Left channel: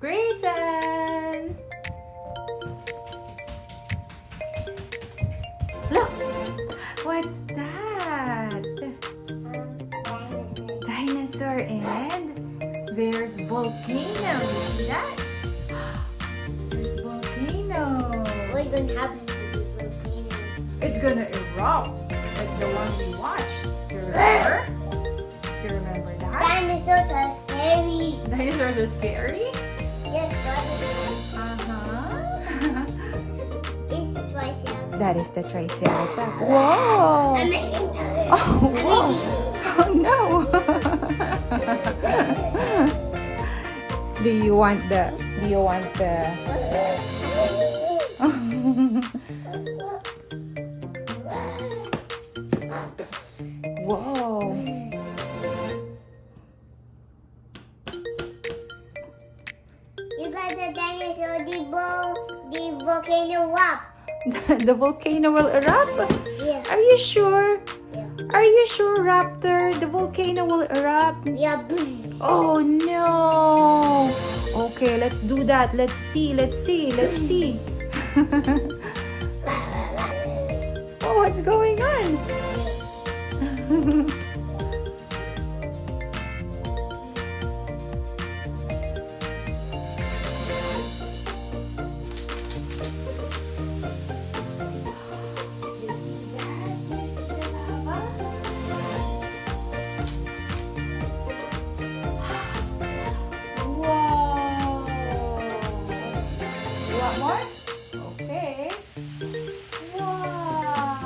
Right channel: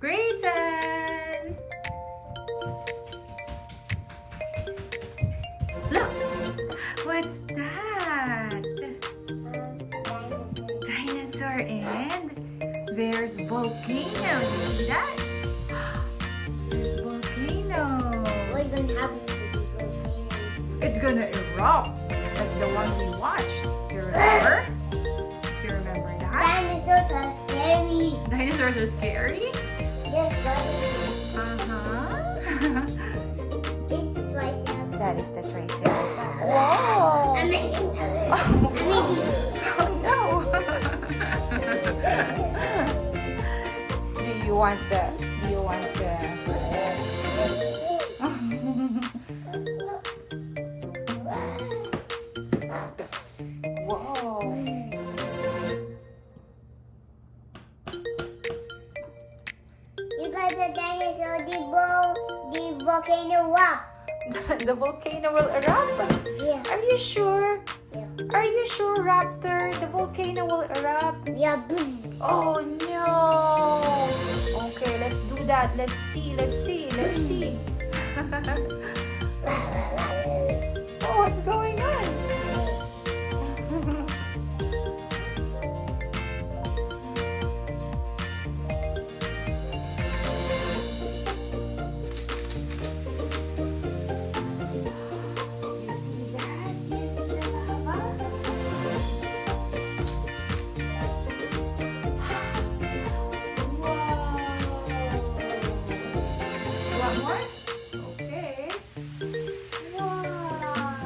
Greyson! Look! What's that? Dinosaur, and there's volcano. You see that? There's volcano. What's gonna happen to the volcano? It's gonna erupt like the one we watched. Do you remember? Do you remember that? Dinosaurs are scary. Dinosaurs are scary? Yes, dinosaurs. Uh-huh. It's twice up. That is the Triceratops. Wow. I'm making Oh, wow. Oh, no. Do you want the Whoa. You guys are dinosaur, the volcano up. The volcano will erupt? Yeah. Are you sure? Yeah. Are you sure, Raptor? The volcano will erupt? Yeah. Boom. Oh no! Okay, let's do that. Let's see. Oh, what's going on? You see that? You see the lava? Wow! You want more? Okay. Wow!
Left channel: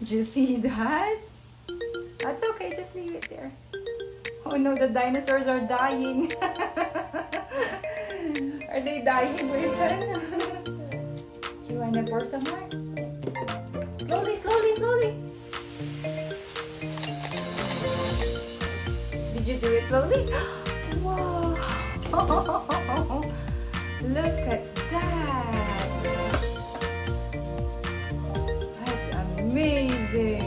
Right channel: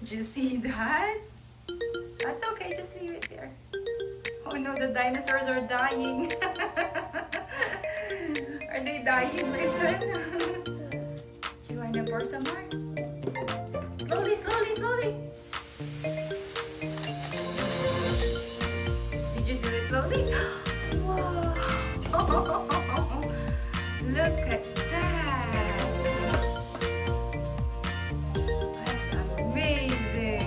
Did you see that? That's okay, just leave it there. Oh no, the dinosaurs are dying. Are they dying, Greyson? Do you want to pour some more? Slowly. Did you do it slowly? Wow! Look at that! That's amazing!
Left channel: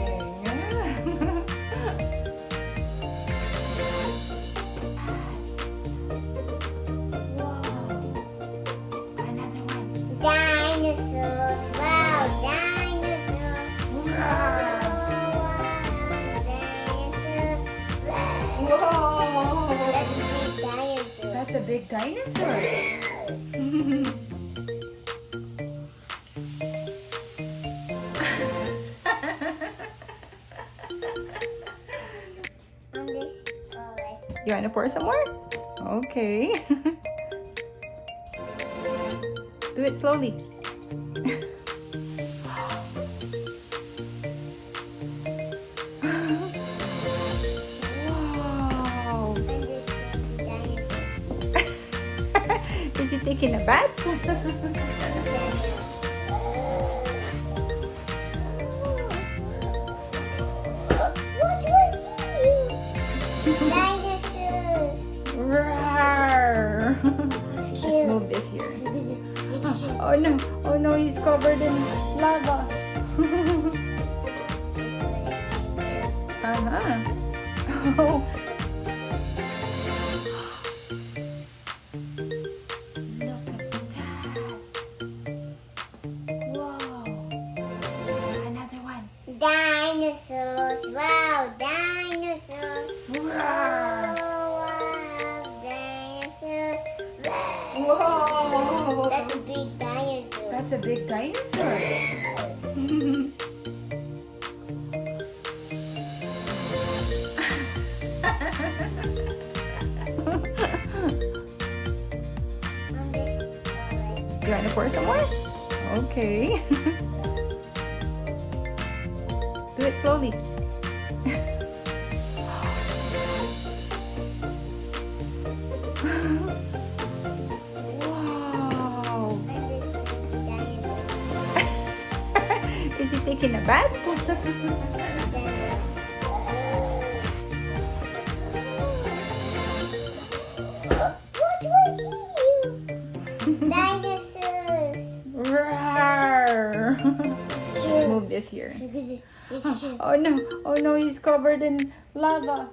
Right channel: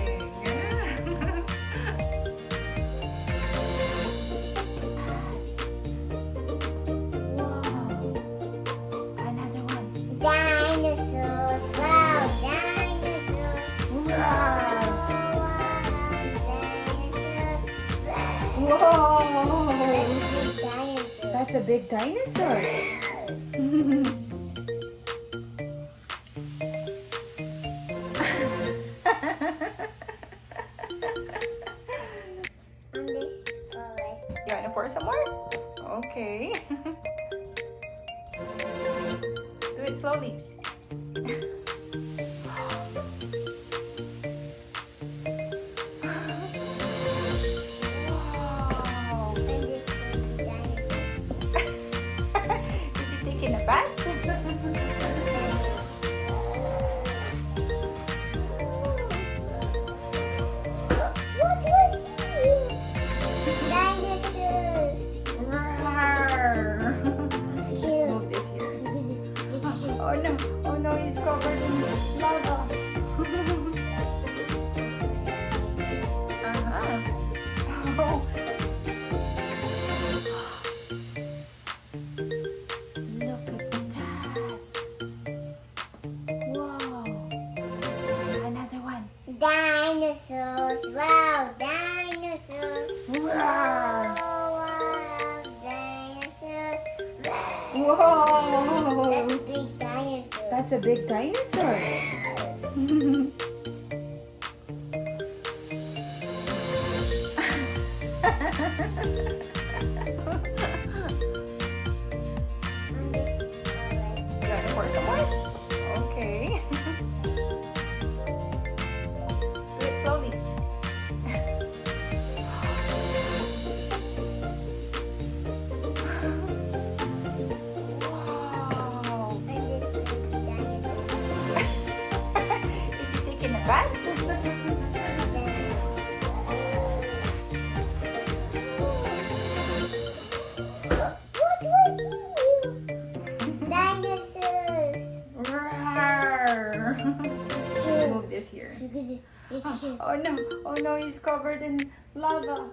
Wow! Another one. Dinosaurs. Wow. Dinosaurs. Wow! Wow. Dinosaurs. That's a big dinosaur. On this forest. You want to pour some more? Okay. Do it slowly. On this dinosaur. Is he taking a bath? What was it? Dinosaurs. Rawr. Let's move this here. Oh no, he's covered in lava. Uh-huh. Oh. Look at that. Wow. Another one. Dinosaurs. Wow. Dinosaurs. Wow. Wow. Dinosaurs. Whoa. That's a big dinosaur. That's a big dinosaur. On this forest. You want to pour some more? Okay. Do it slowly. Is he taking a bath? What was you? Dinosaurs. Rawr. Cute. Move this here. This is cute. Oh no, he's covered in lava.